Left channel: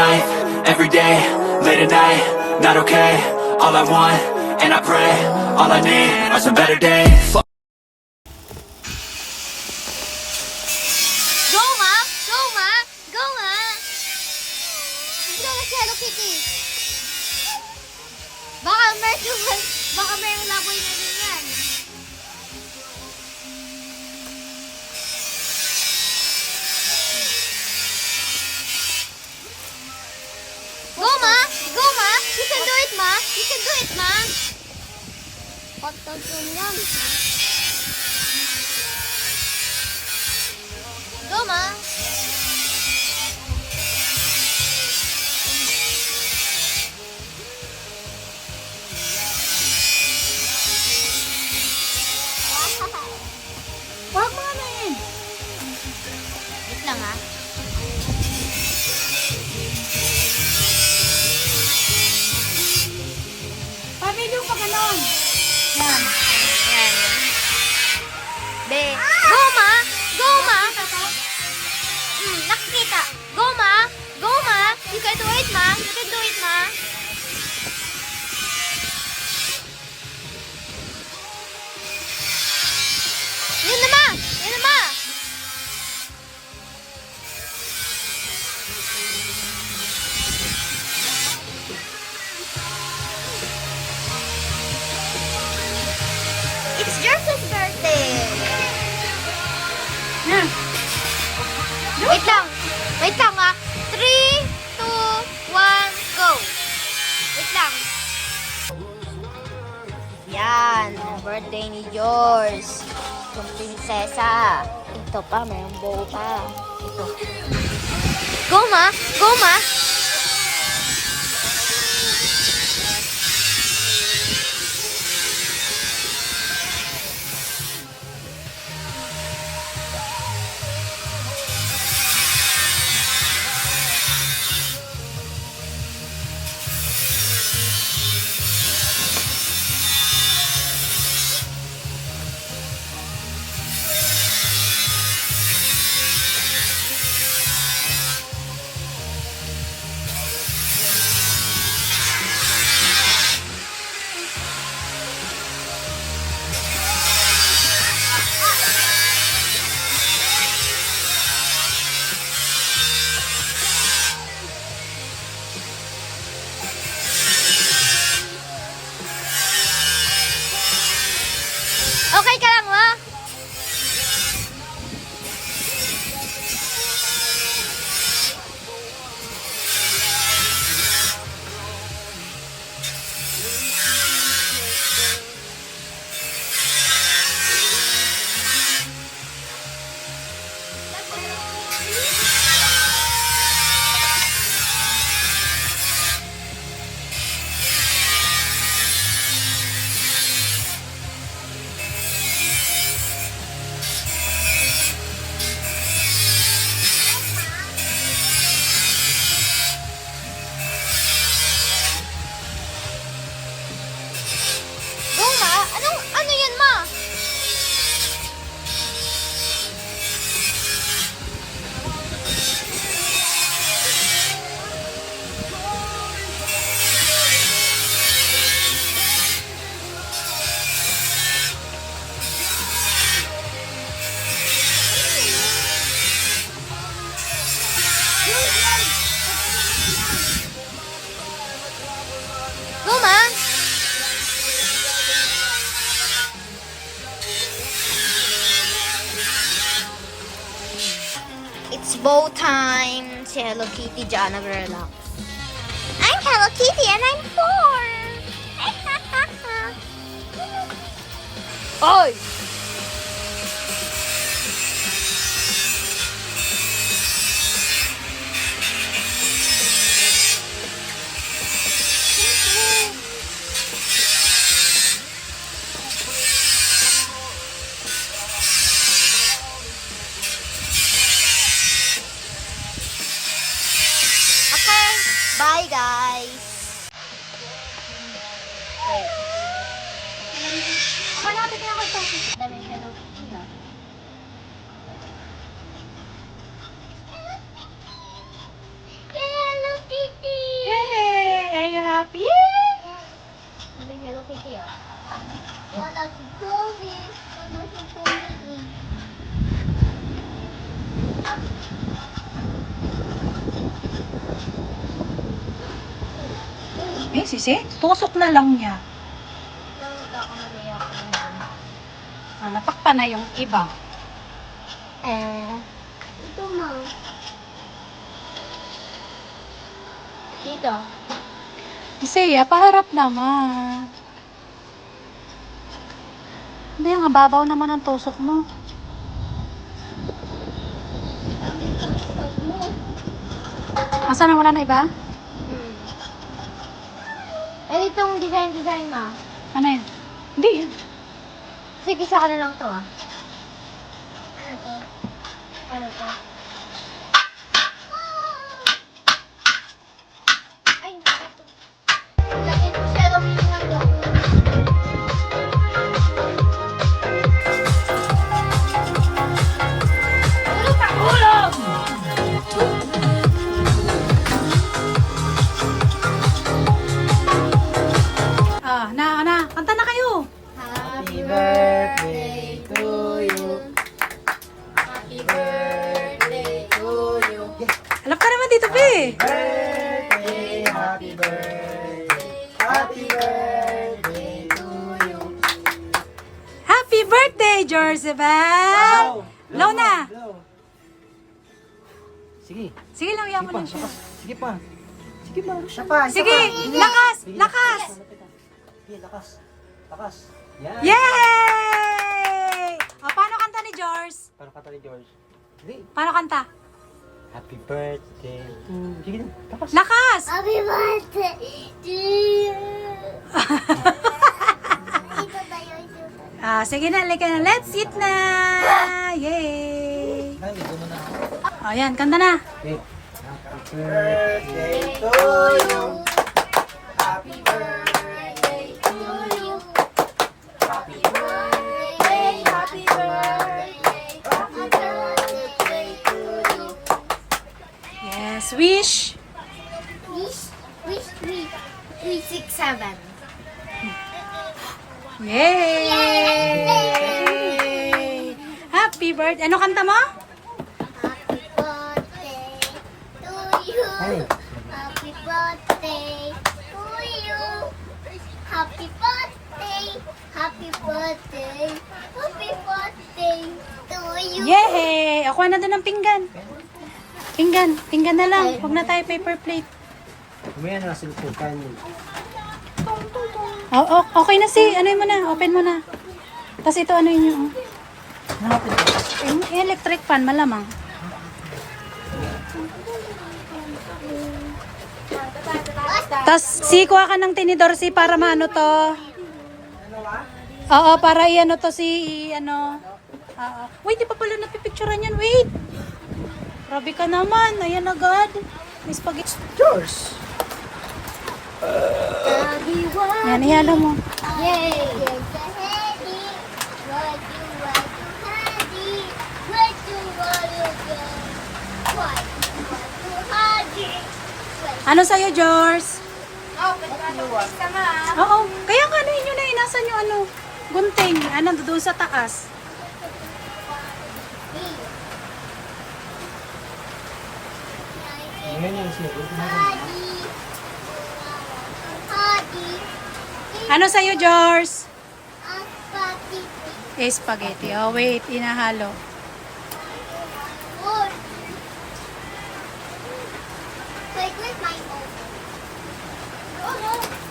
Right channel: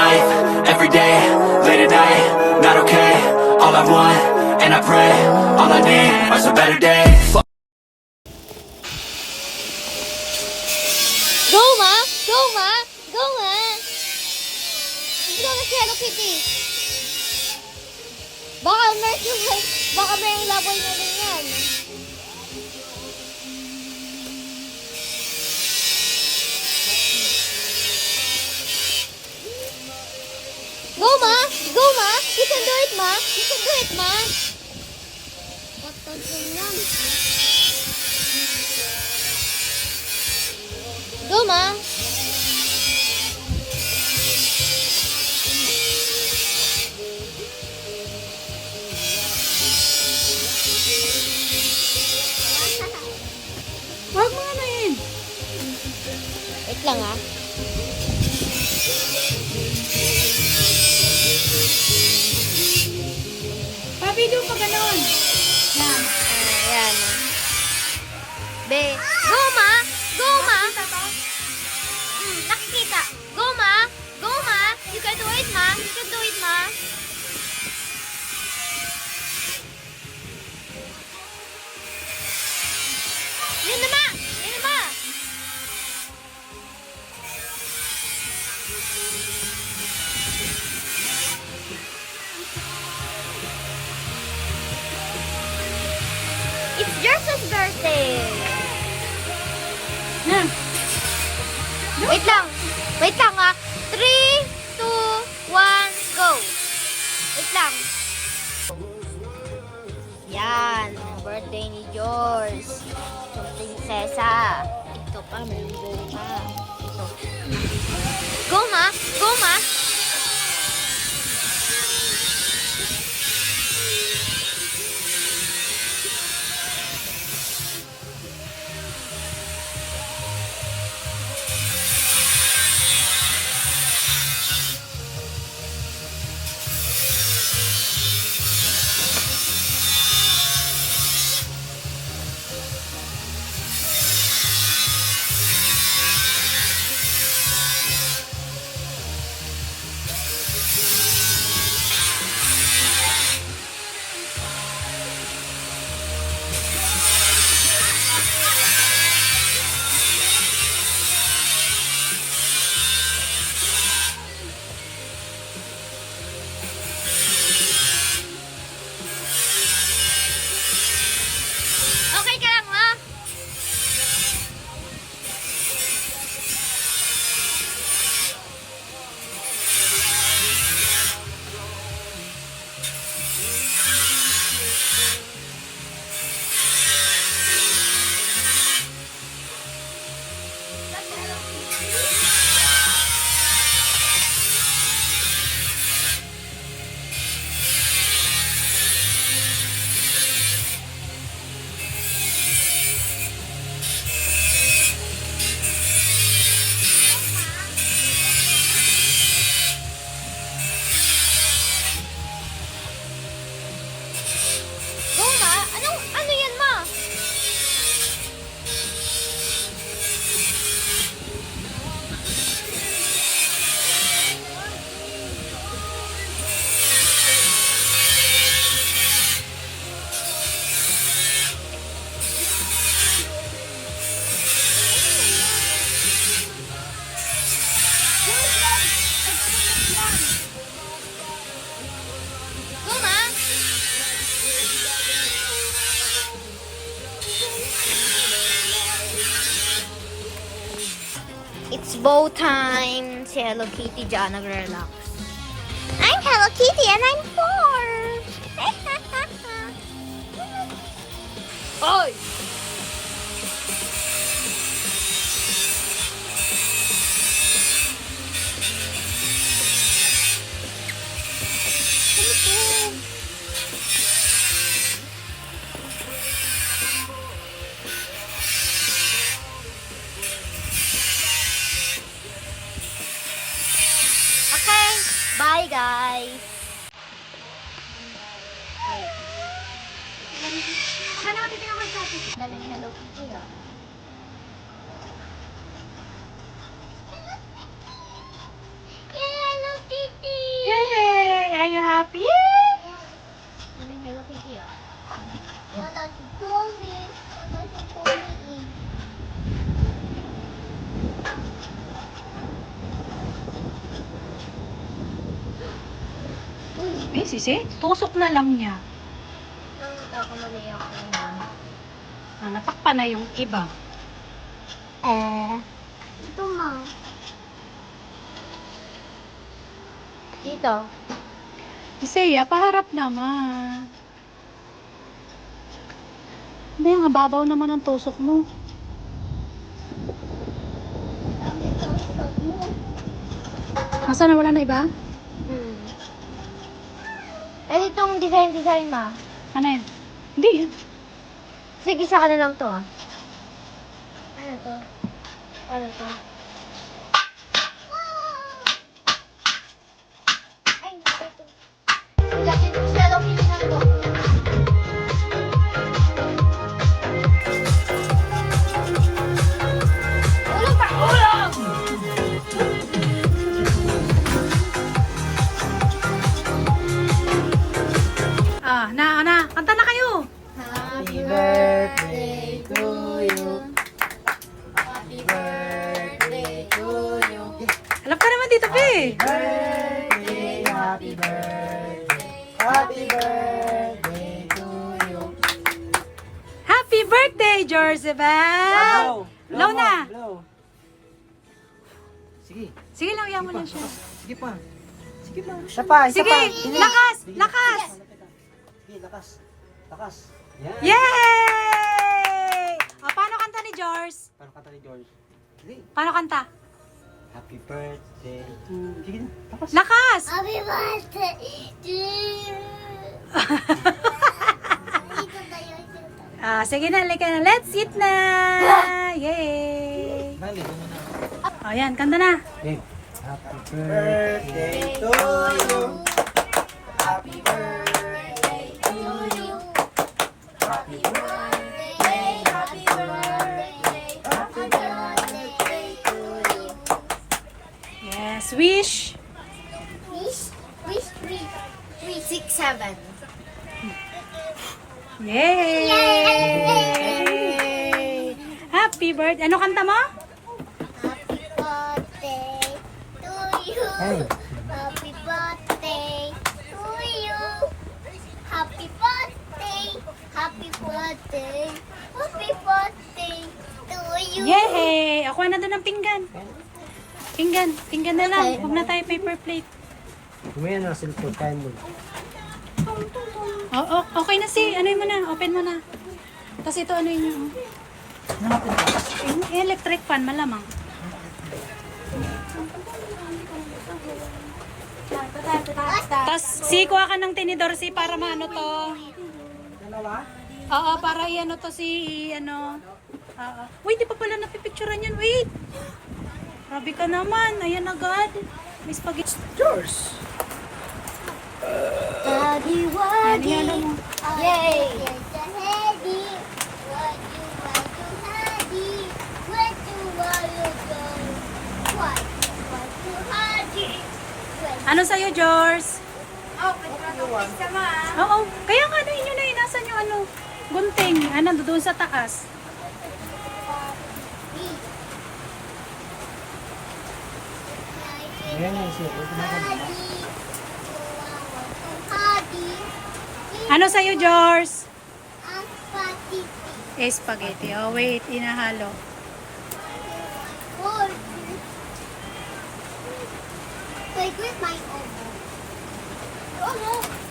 life, every day, late at night, not okay. All I want, and I pray, all I need are some better days. Go, ma! Go, ma! Go, ma! Hindi na si Hello Kitty. Baka may laboy na rin yan. Go, ma! Go, ma! You can do it, ma! You can do it, ma! Patag yun yan, ha? Go, ma! Huwag mo ano yun. Wait lang, ha? Pa-video pa ganon. Yan. Ayan. Be. Go, ma! Go, ma! Nakikita. Go, ma! Go, ma! You can do it, ma! You can do it, ma! Yun na, ma! Yun na, ma! It's Jersey's birthday! Na. Wait lang. Wait lang, ha. 3, 2, 1, go. Wait lang. Yan. Birthday ni George. Yung prinsesa. Ito pa, mayroong bow pa. Ito. Go, ma. Go, ma. Okay ka lang, ma? Go, ma. Ano yan, ma? Go, ma. It's bow time. Si Hello Kitty dyan nag-relax. I'm Hello Kitty and I'm 4. Oy! Okay, bye guys. Okay. Ano natin ako sa atin? Daming Hello Kitty na. Hello Kitty! Eh, sisi, tusok na lang niya. Natakpan na yung iba. Ito, ma. Dito. Siya, paharap naman. Hindi, ang babaw naman ang tusok mo. Asa na, wala na iba? Eh, itong design, ma. Ano yan? Hindi yan. Sige, sa na lang to, ah. Ano to? Ano to? Ay, ito. Laki ko siya lang pinagawa. Ulo pa! Ulo! Kanta na kayo. Happy birthday to you. Happy birthday to you. Alam ka naman dito, Pe. Birthday, happy birthday to you. Happy birthday, Jorzebel! Low na. Blow. Sige, Sige lang, iyan mo lang siya. sige pa. Sige pa. Siya pa. isa Sige, pa. lakas! Lakas! Sige, lakas. Lakas. Yan. Yay! O, paano kanta ni George? Paano kata ni George? Sige. Paano kanta? Happy birthday. Sige na. Lakas. Lakas! Happy birthday to you. Sige na, lika na. Let's eat na! Yay! Hindi ko na. O, yan, kanta na. Happy birthday to you. Happy birthday to you. Happy birthday, happy birthday, happy birthday to you. Yes, wish. Wish, 3, 6, 7. Yay! Happy birthday. Ano kanta mo? Happy birthday to you. Happy birthday to you. Happy birthday. Happy birthday. Happy birthday to you. Yay! Ako na doon ng pinggan. Pinggan na lang. Huwag na tayo paper plate. Kumain na sila ng kain mo. Okay na si, ano mo na, open mo na. Tapos ito, ano yun yung, yung electric fan, malamang. Tapos, kuha ka ng tinidor si para maano to. Oo, para i-ano to ano. Oo. Wait, di pa pala napipicturean yan, wait. Grabe ka naman, ayan agad. May spaghetti. Yours. Yan, ihalo mo. Yay! Ano sa'yo, George? Oo, kaya nga na inyo na inasan yung ano, gunting. Ano, doon sa taas. Ayan yung siya. Ano sa'yo, George? Spaghetti. Oh, wait, inahalo. Take with my elbow. Oh no!